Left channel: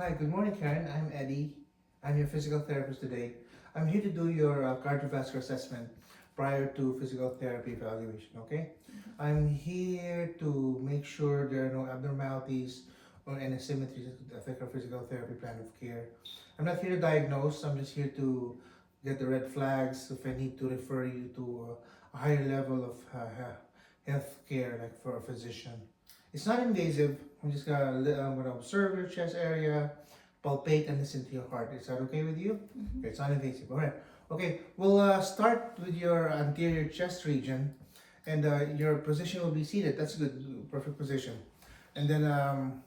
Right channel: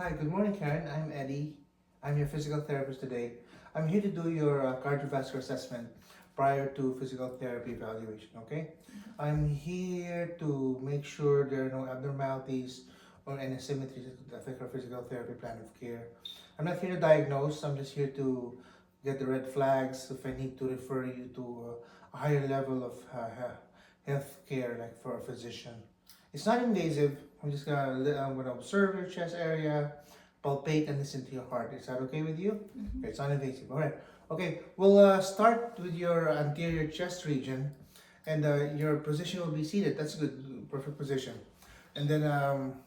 Hi, good morning, Karen. I'm Eddie. I'm your physical therapist today. I'm here to do your cardiovascular assessment prior to physical therapy evaluation, okay? I'm here to make sure there are no abnormalities or any asymmetries that could affect our physical therapy plan of care. I'm not here to diagnose, I'm just here to get the red flags if I need to refer you to a higher level of health care, like for a physician. It's not invasive. I'm gonna observe your chest area, palpate, and listen to your heart. Is that okay with you? Okay, it's non invasive. All right. Okay, we'll start with your anterior chest region, and your position will be seated. That's good, perfect position. And then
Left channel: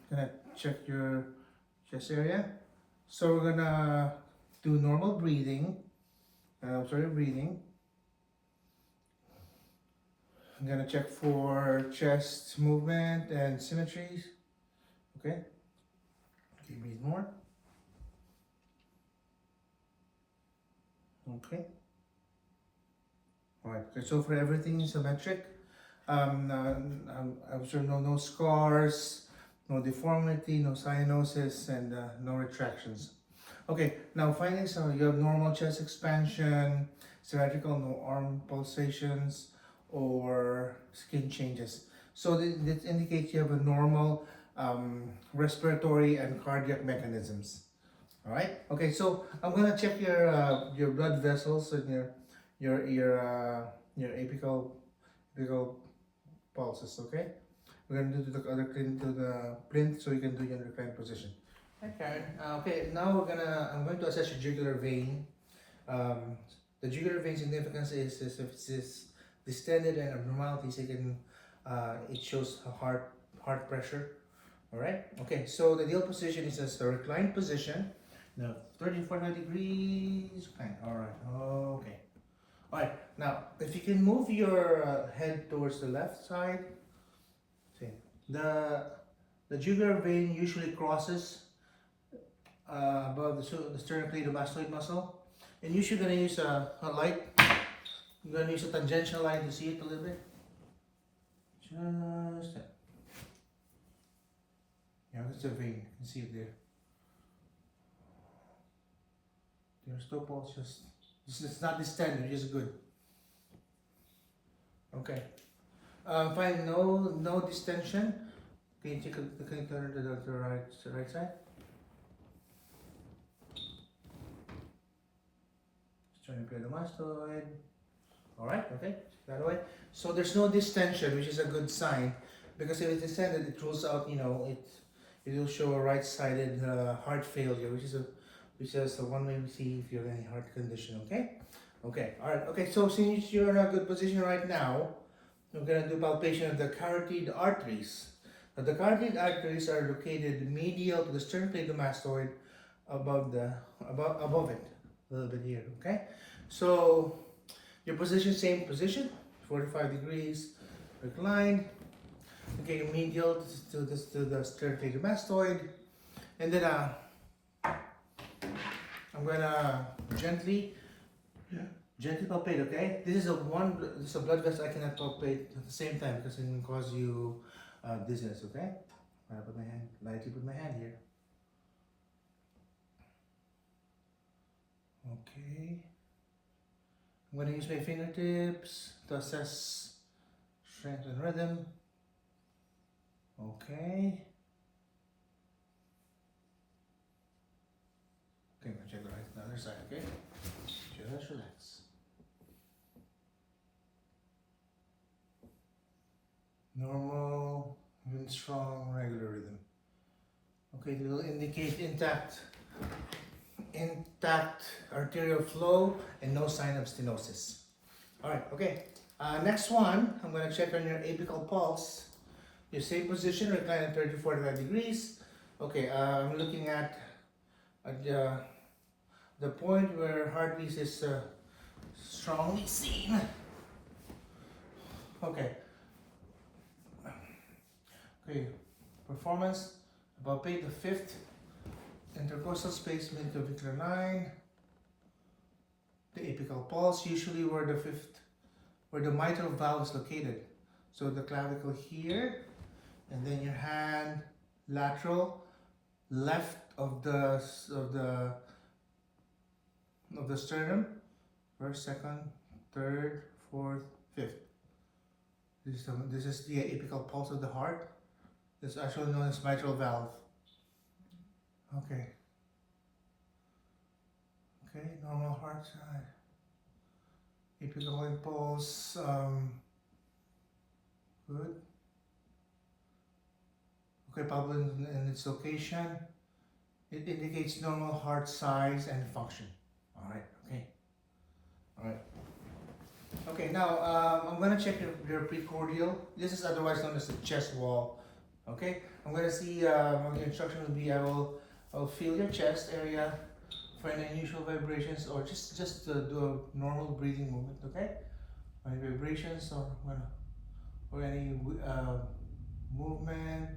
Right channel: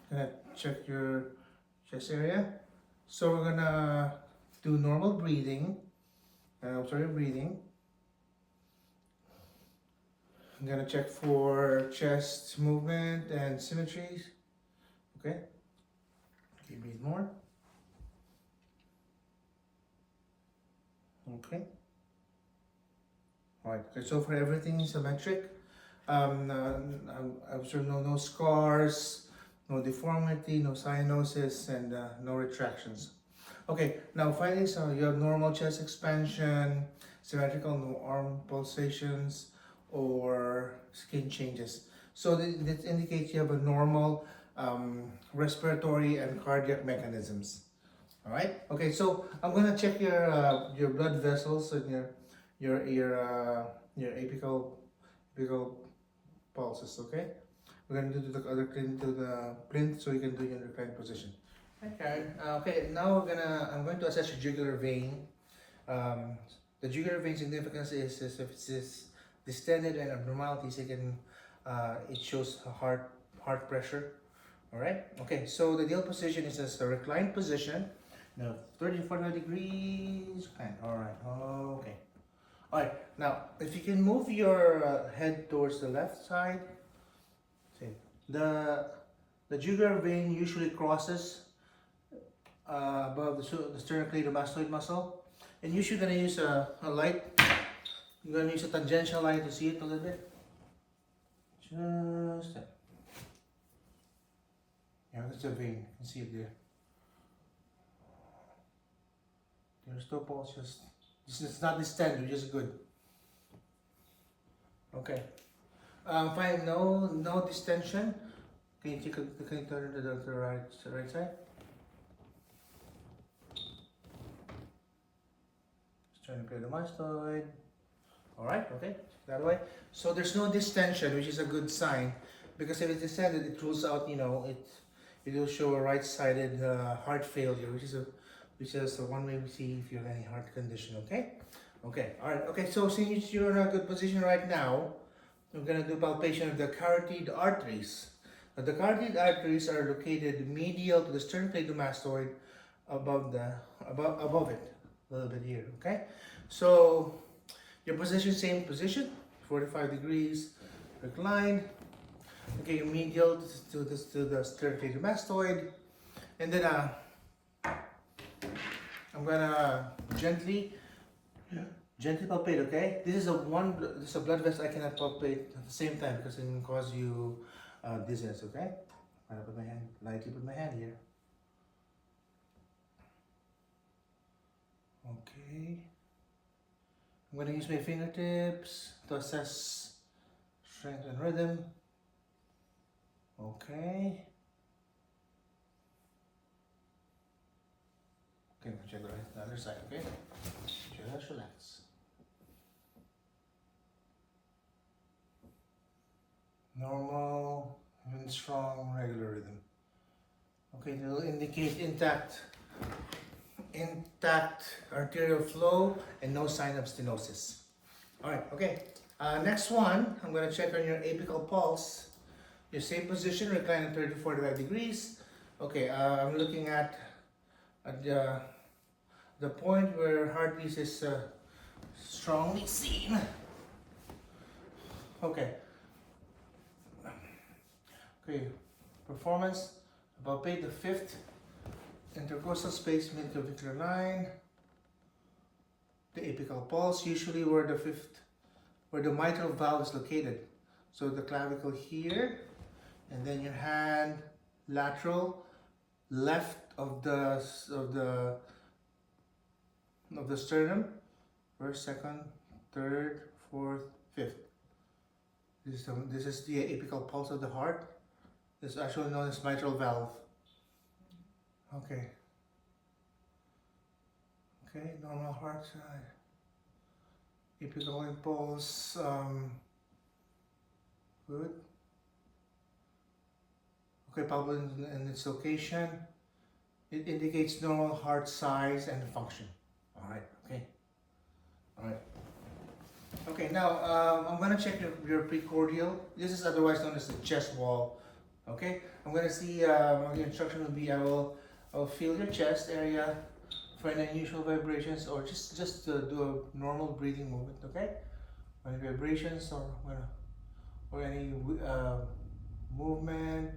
gonna check your chest area. So we're gonna do normal breathing. Observe your breathing. I'm gonna check for chest movement and symmetries. Okay. Okay, breathe more. Okay. All right. Okay, so for everything symmetric, I observe no scars, no deformity, no cyanosis, and no retractions. Okay. Now findings. So you have normal chest expansion, symmetrical, no arm pulsations or skin changes. So this indicates you have a normal respiratory and cardiac mechanisms. All right. Okay. So I'm gonna check your blood vessels and your your uh, your apical pulses. Okay. We're gonna do the other clean to the plinth so you can do your reclined position. Okay. Okay. Now I'm going to assess your jugular vein. Um, the jugular vein significance is if it's distended and abnormalities, it shows a heart pressure. All right. Okay. So the ideal position is as a reclined position. Now 30 to 45 degrees. Kind. All right. Okay. All right. Now, if you can move your head towards the left side, see the the jugular vein usually crosses above the sternocleidomastoid muscle, and usually gonna use a light. You're gonna use a tangential line to see it a little bit. Just that. Yeah, that's the vein. You can see it there. There's no pulse. It's not distended, which is good. Okay. Fine. No distension. Can you turn to the right side? Just trying to clear the mastoid. All right. Okay. That way. So there's no distension, which is a good sign, because if it's distended, it rules out. It will show a right-sided heart failure, which is the one way we see if you have any heart condition. Okay. Okay. All right. Okay. So since you're in a good position right now, we're gonna do palpation of the carotid arteries. Now, the carotid arteries are located medial to the sternocleidomastoid, above it, a little bit here. Okay, so your position, same position, 45 degrees, reclined. Okay, medial to the sternocleidomastoid, and then I'm gonna gently palpate, okay? This is a blood vessel I cannot palpate at the same time because it can cause you dizziness, okay? I'm gonna put my hand, lightly put my hand here. Okay. I'm gonna use my fingertips to assess strength and rhythm. Okay. Okay, I'm gonna check the other side, okay? Just relax. Normal, even strong, regular rhythm. Okay, it will indicate intact arterial flow and no sign of stenosis. All right, okay. Next one, I'm going to check on your apical pulse. Your same position, recline at 30 to 45 degrees. Okay, I'm looking at the point where heartbeat is strongly seen. Okay. Okay, performance. Palpate the fifth intercostal space, midclavicular line. The apical pulse, usually where the mitral valve is located. So the clavicle here, and then your hand lateral, left of the of the sternum. First, second, third, fourth, fifth. This is the apical pulse of the heart. It's actually known as mitral valve. Okay. Okay, normal heart side. Apical impulse. Good. Okay, palpable in its location. It indicates normal heart size and function. All right. Okay. All right. Okay. Now I'm gonna check your precordial. This is otherwise known as the chest wall. Okay. I'm gonna see. The instruction will be I'll feel your chest area for any unusual vibrations, or just do a normal breathing movement. Okay. Any vibrations or any movement,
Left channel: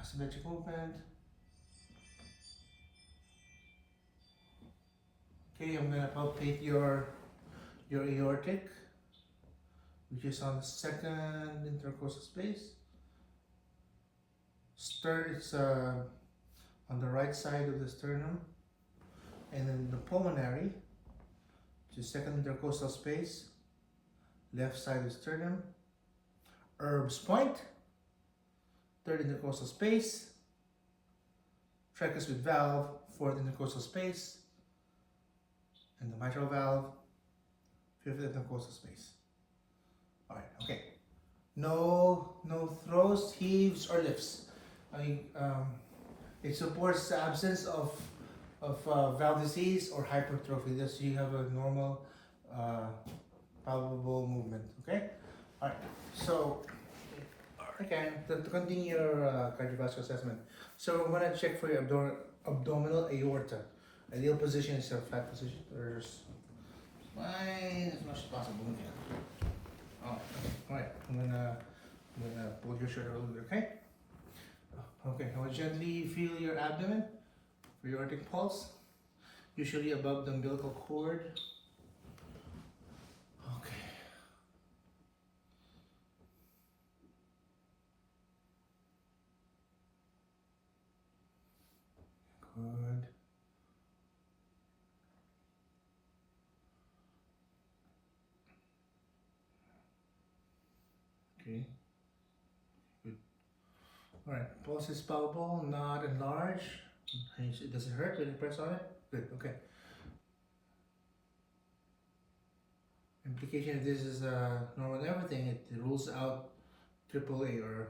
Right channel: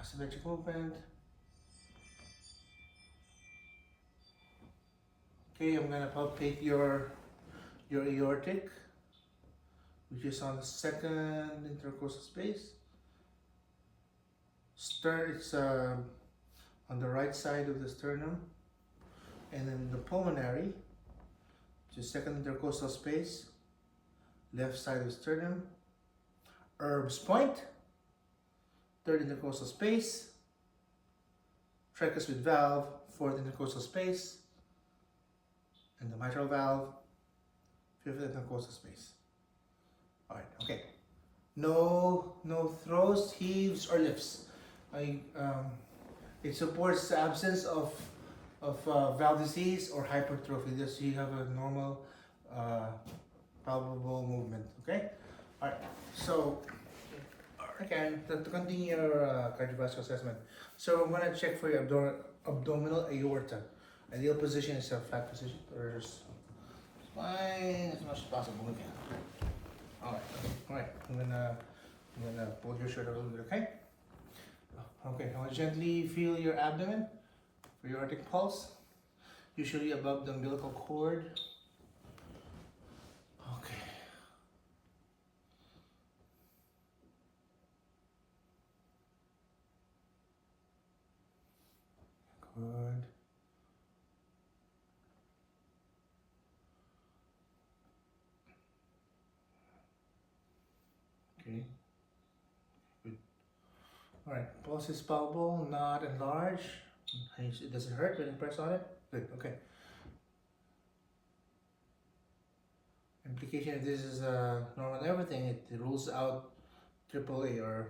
asymmetric movement. Okay, I'm gonna palpate your aortic, which is on the second intercostal space. It's on the right side of the sternum, and then the pulmonary, which is second intercostal space, left side of the sternum. Herb's point, third intercostal space. Tricuspid valve, fourth intercostal space, and the mitral valve, fifth intercostal space. All right, okay. No throws, heaves, or lifts. It supports the absence of valve disease or hypertrophy. Just you have a normal, palpable movement. Okay. All right. So again, to continue your cardiovascular assessment, so I'm gonna check for your abdominal aorta. Ideal position is a flat position, or line as much as possible. Okay. All right. I'm gonna pull your shirt a little bit. Okay. Okay. I will gently feel your abdomen for your aortic pulse, usually above the umbilical cord. Okay. Good. Okay. Good. All right. Pulse is palpable, not enlarged. Does it hurt when you press on it? Good. Okay. Implication if this is normal and everything, it rules out AAA or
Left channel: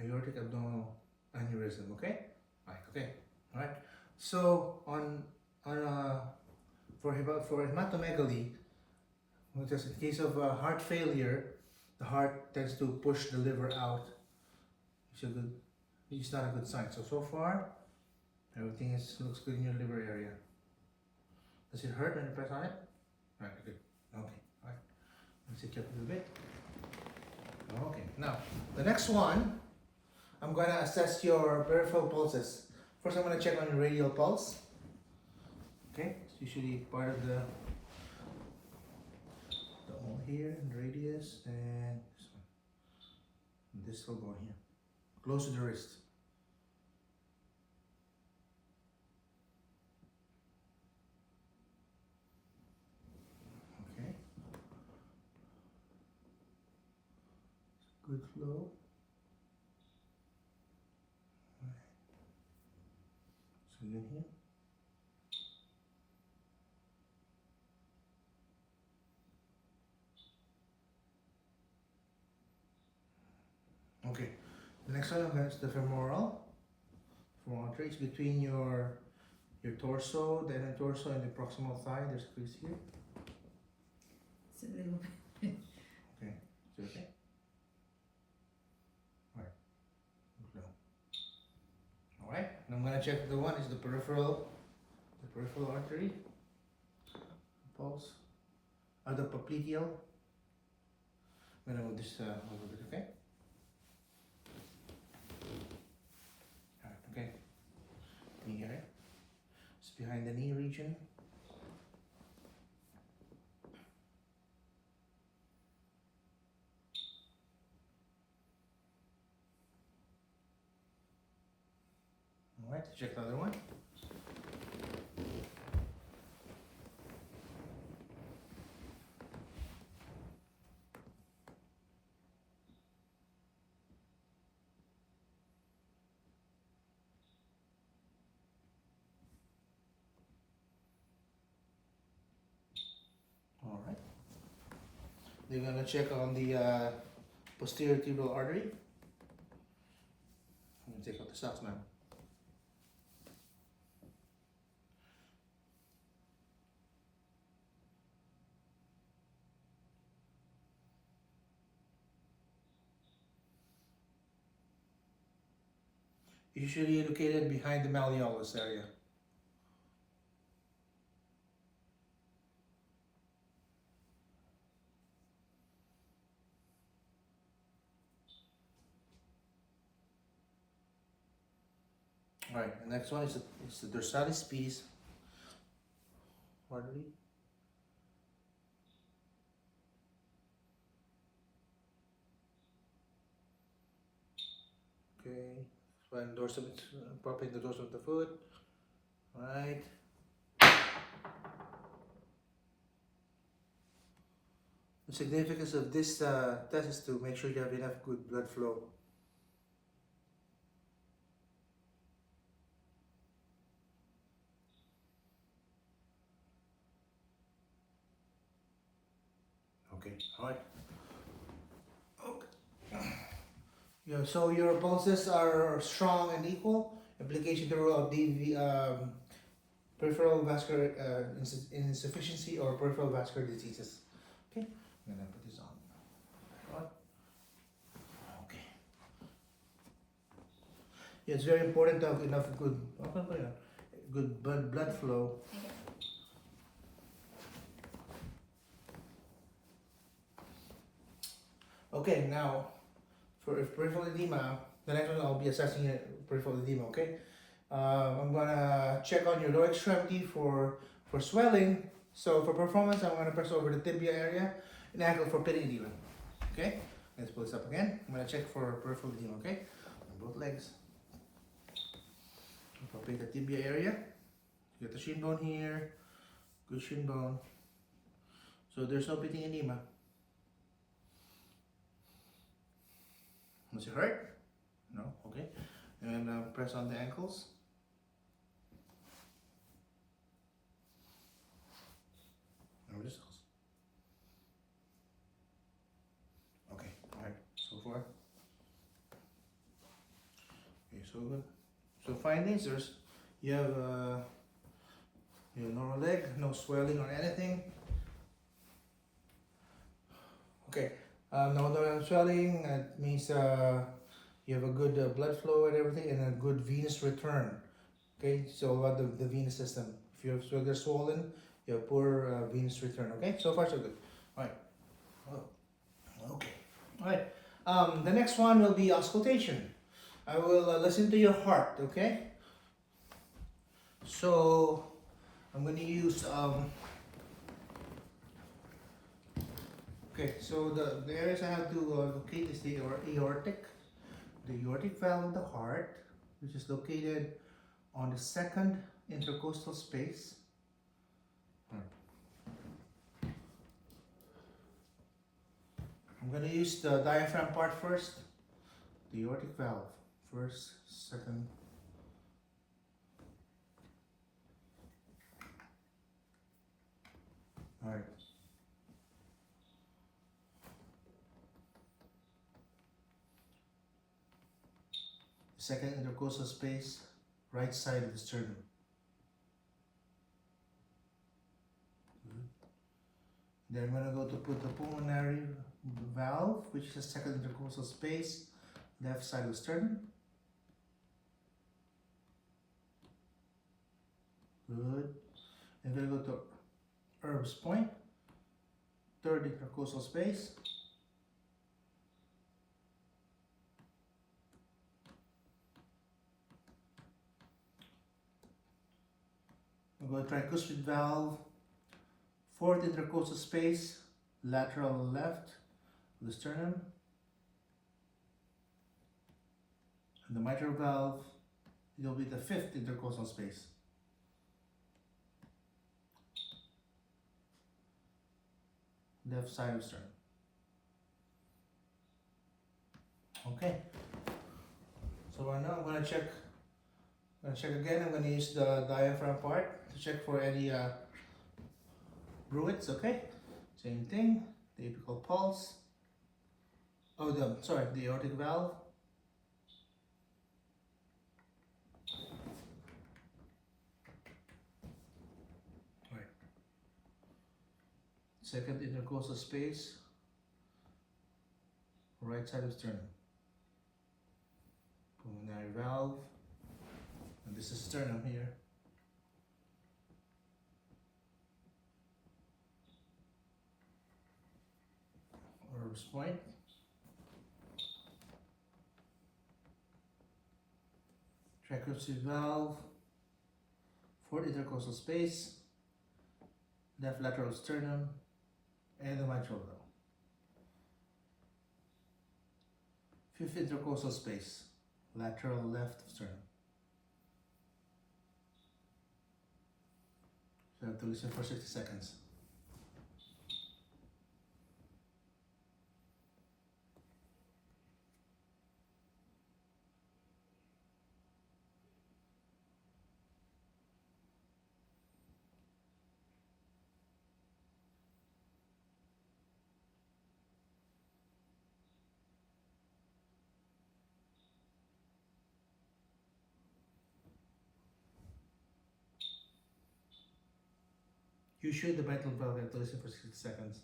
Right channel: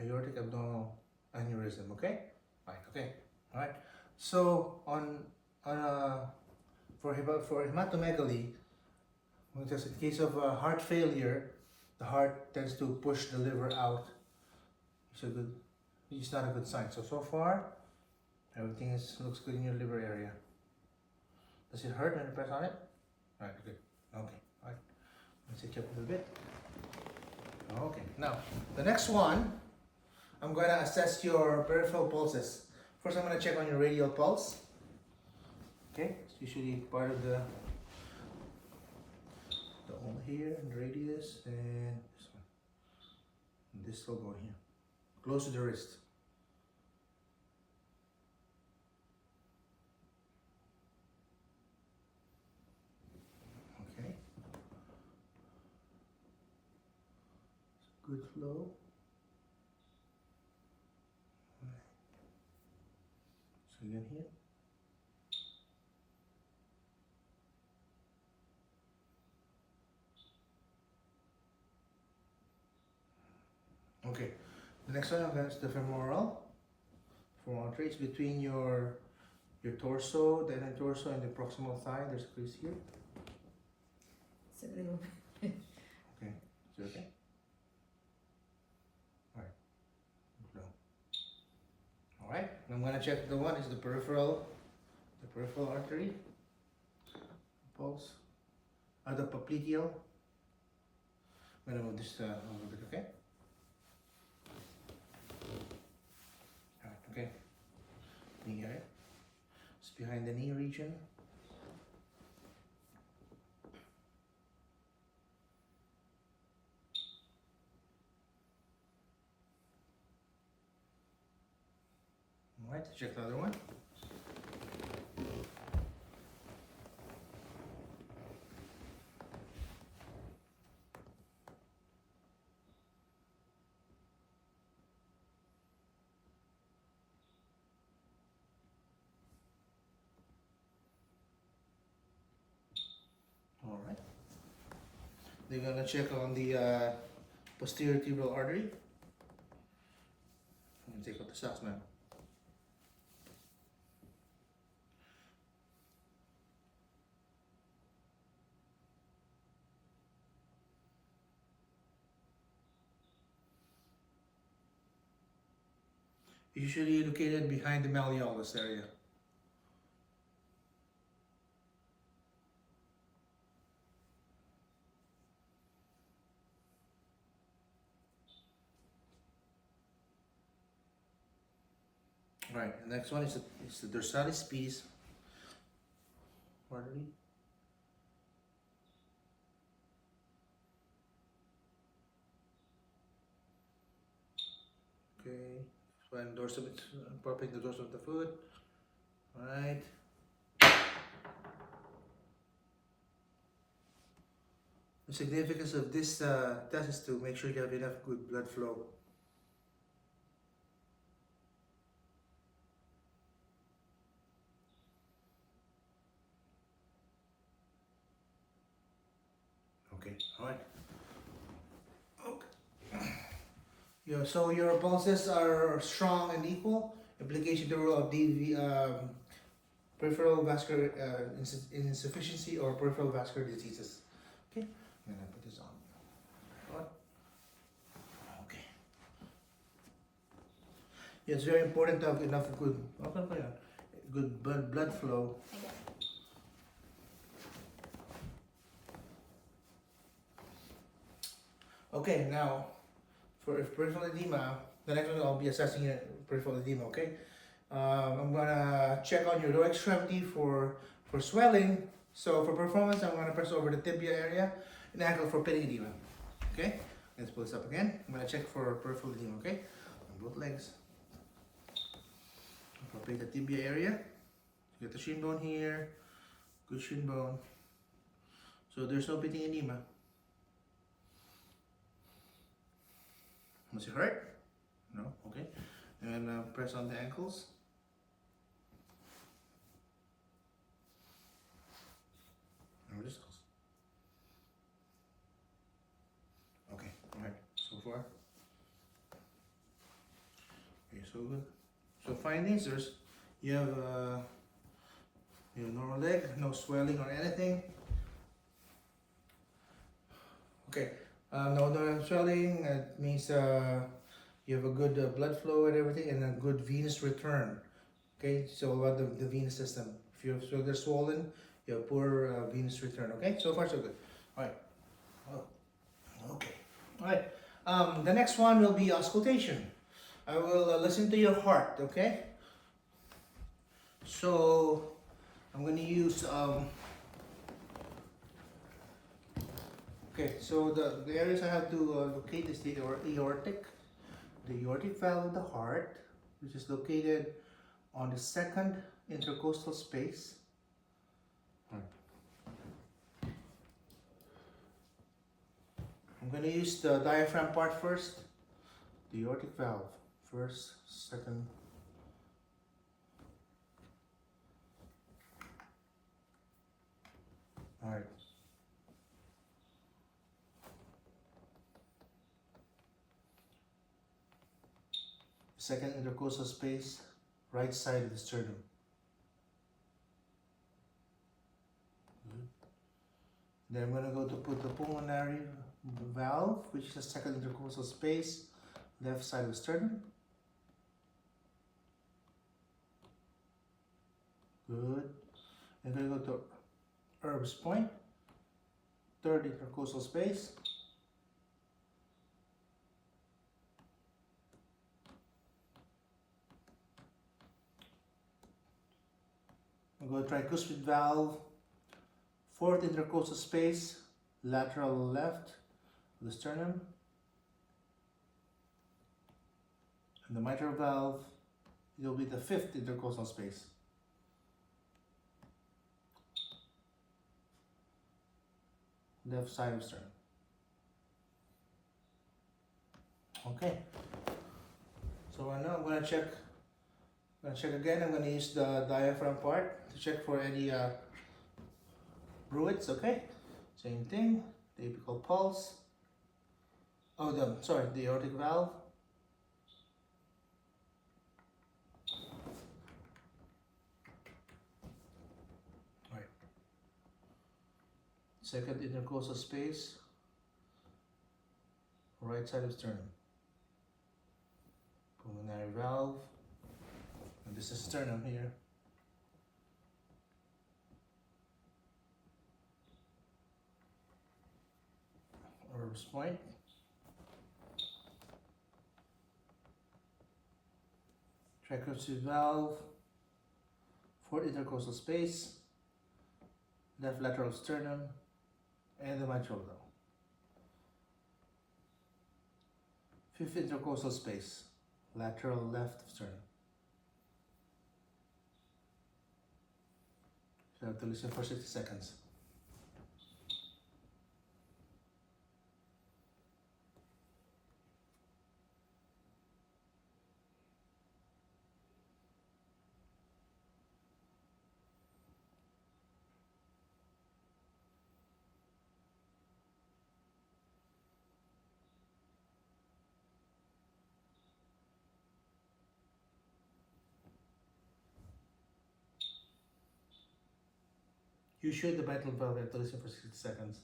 aortic abdominal aneurysm. Okay. Right. Okay. All right. So for hematomegaly, because in case of heart failure, the heart tends to push the liver out. It's not a good sign. So far, everything looks good in your liver area. Does it hurt when you press on it? All right, good. Okay, all right. Let's sit up a little bit. Okay, now the next one, I'm going to assess your peripheral pulses. First, I'm going to check on your radial pulse. Okay, it's usually part of the hole here, and radius, and this one. And this will go here, close to the wrist. Okay. Good flow. So again here. Okay, the next one is the femoral. Femoral traits between your torso, the inner torso, and the proximal thigh. There's a crease here. It's a little bit. Okay, is it okay? Alright, no. Alright, I'm gonna check the one is the peripheral artery, pulse, or the popliteal. I'm gonna move this a little bit, okay? Alright, okay. Knee area. It's behind the knee region. Alright. check the other one. All right. They're gonna check on the posterior tibial artery. I'm gonna take out the socks now. Usually located behind the malleolus area. All right, the next one is the dorsalis pedis artery. Okay, so I'm dorsum, propping the dorsum of the foot. All right. The significance of this test is to make sure you have enough good blood flow. Okay, all right. Okay. Yeah, so your pulses are strong and equal. Application the rule of peripheral vascular insufficiency or peripheral vascular diseases. Okay, I'm gonna put this on. Right. Okay. Yeah, it's very important to have enough good blood flow. Okay, now for peripheral edema, the next one I'll be assessing peripheral edema. Okay, I'm gonna check on your lower extremity for swelling. So for performance, I'm gonna press over the tibia area and ankle for pitting edema. Okay, let's pull this up again. I'm gonna check for peripheral edema. Okay, on both legs. Palpate the tibia area. Get the shin bone here. Good shin bone. So there's no pitting edema. Does it hurt? No? Okay. And press on the ankles. And wristles. Okay, alright. So far. Okay, so good. So findings, you have normal leg, no swelling or anything. Okay. No swelling, it means you have a good blood flow and everything, and a good venous return. Okay, so about the venous system. If they're swollen, you have poor venous return. Okay, so far so good. All right. Oh, okay. All right. The next one will be auscultation. I will listen to your heart. Okay. So I'm going to use Okay, so the areas I have to locate is the aortic valve of the heart, which is located on the second intercostal space. I'm going to use the diaphragm part first. The aortic valve, first, second. All right. Second intercostal space, right side of the sternum. Then I'm going to go to put the pulmonary valve, which is the second intercostal space, left side of the sternum. Good. I'm going to go to Herb's point, third intercostal space. I'm going to tricuspid valve, fourth intercostal space, lateral left of the sternum. And the mitral valve, It'll be the fifth intercostal space. Left side of sternum. Okay. So right now I'm gonna check. Again. I'm gonna use the diaphragm part to check for any bruits. Okay. Same thing. The apical pulse. Oh, the aortic valve. All right. Second intercostal space. Right side of sternum. Pulmonary valve. And this is sternum here. Orbis point. Tricuspid valve. Fourth intercostal space. Left lateral sternum. And the mitral valve. Fifth intercostal space. Lateral left sternum. So I have to listen for 60 seconds. You shoot the mitral valve and to listen for 60 seconds.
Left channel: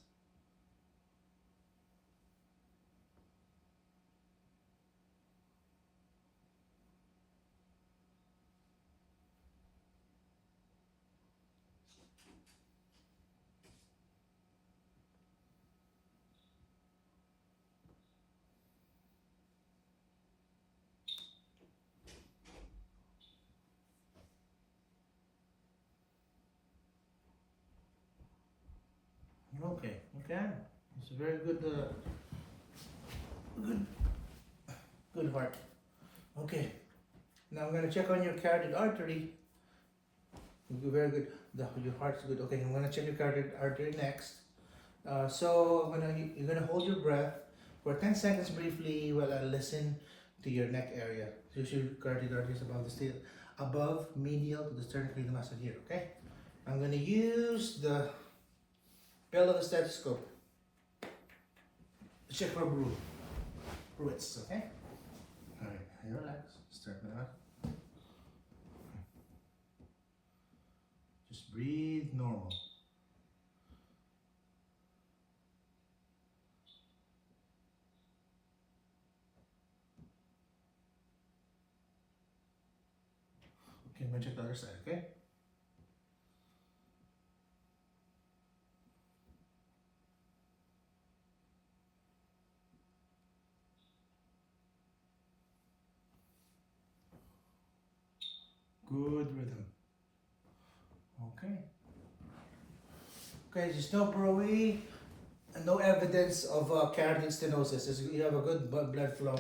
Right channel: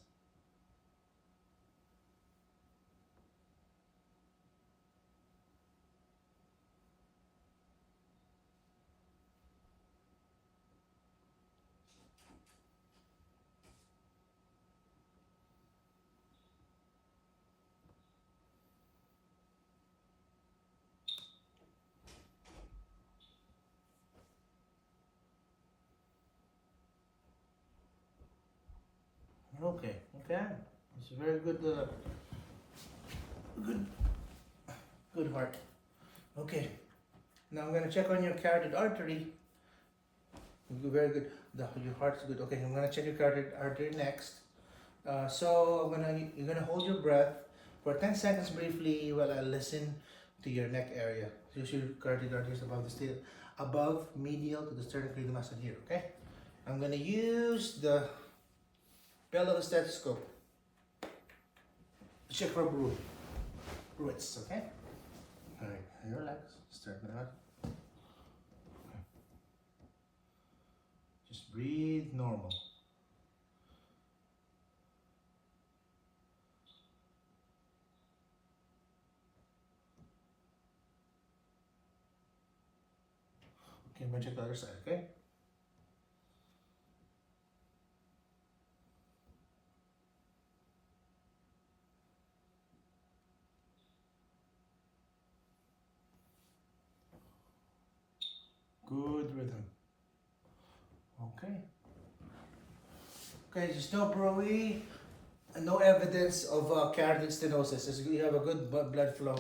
Okay. It's a very good, good heart. Okay. Now I'm gonna check on your carotid artery. Very good. Your heart's good. Okay, I'm gonna check your carotid artery next. So you're gonna hold your breath for 10 seconds briefly while I listen to your neck area. So your carotid artery is above medial to the sternocleidomastoid muscle here. Okay. I'm gonna use the bell of a stethoscope to check for bruits. Okay. All right. Relax. Start with that. Just breathe normal. Okay, I'm gonna check the other side, okay? Good rhythm. Okay. Okay, there's no bruit and no evidence of carotid stenosis. You have a good blood flow.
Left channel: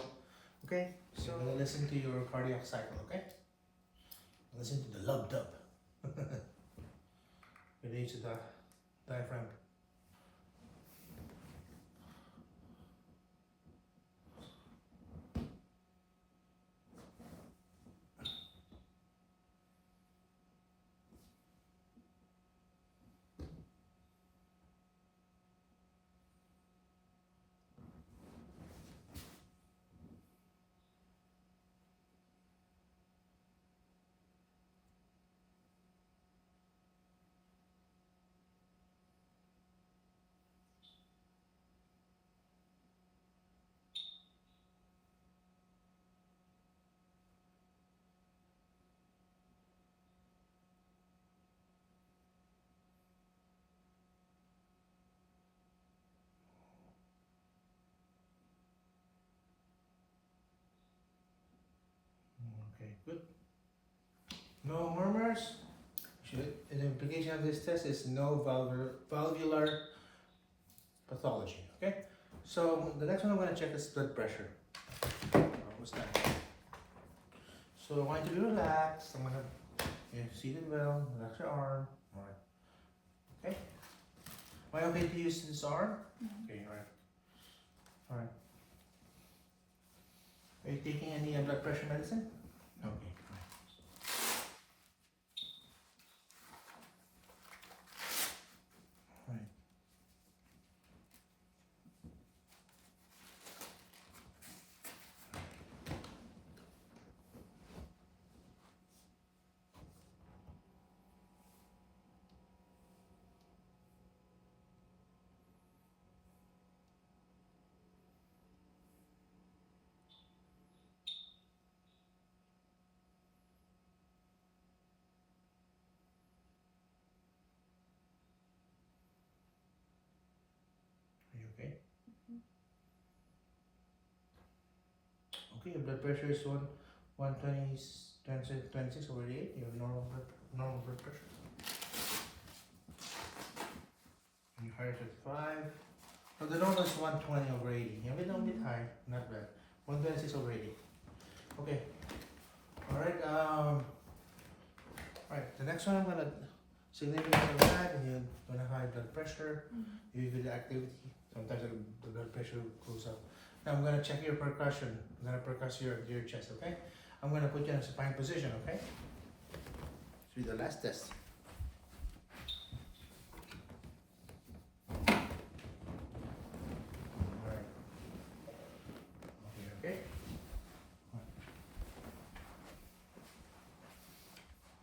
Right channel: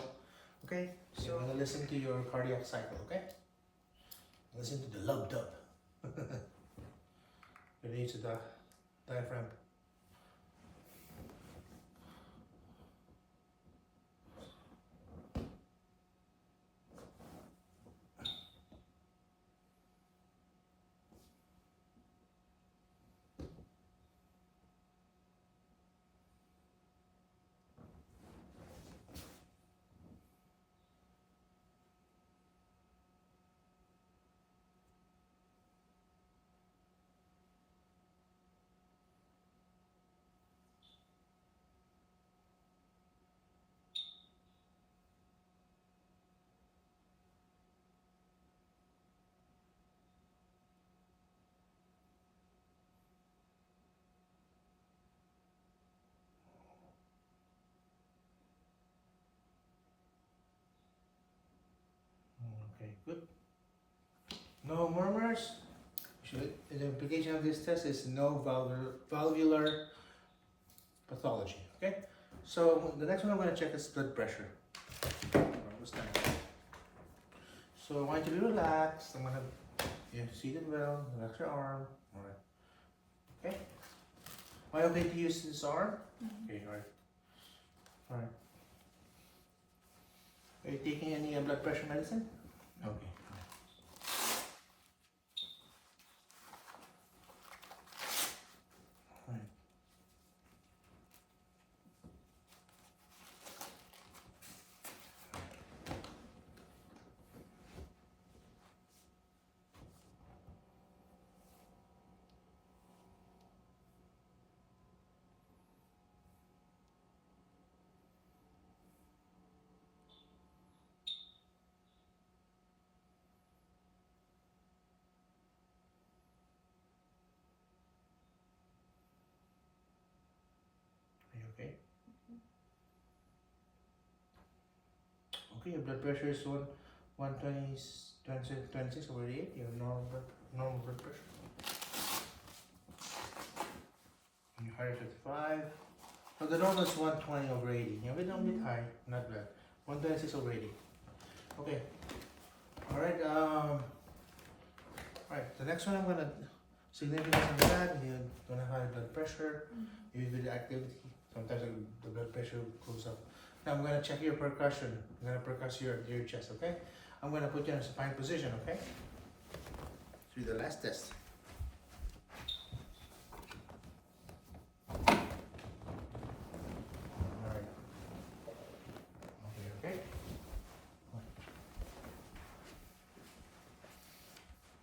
Okay, so I'm gonna listen to your cardiac cycle, okay? Listen to the lub dub. Release the diaphragm. Okay, good. No murmurs. The implication of this test is no valvular pathology. Okay. So the next one I'm going to check is blood pressure. What's that? So I want you to be relaxed. I'm gonna, you're seated well, relax your arm. Alright. Okay? Am I okay to use this arm? Okay, alright. Alright. Are you taking any blood pressure medicine? Okay. Alright. Are you okay? Okay, your blood pressure is 120, 26/88. Your normal blood pressure. And your heart is 55. So the normal is 120/80. Yeah, we don't bit high, not bad. 126/80. Okay. Alright, alright, the next one I'm gonna significance of that, you're gonna have high blood pressure, you do the activity, sometimes the blood pressure goes up. Now I'm gonna check your percussion. I'm gonna percuss your chest, okay? I'm gonna put you in a supine position, okay? Do the last test. Alright. Okay.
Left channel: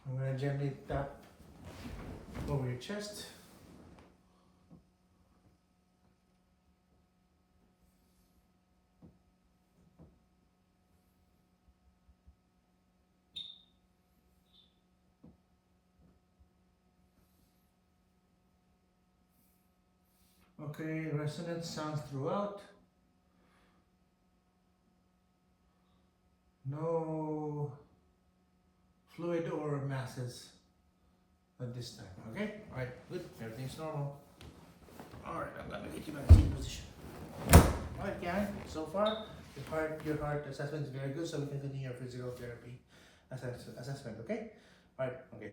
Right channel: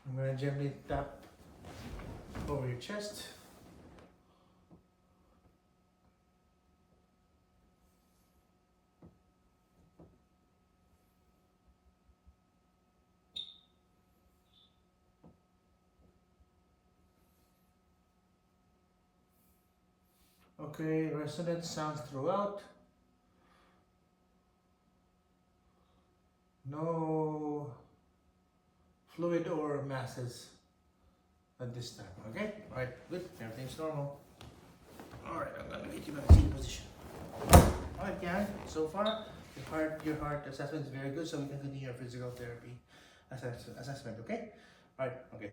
I'm gonna gently tap over your chest. Okay, resonant sounds throughout. No fluid or masses at this time, okay? Alright, good, everything's normal. Alright, I'm gonna get you back to the position. Alright, Karen, so far your heart assessment is very good, so we can continue your physical therapy assessment, okay? Alright, okay.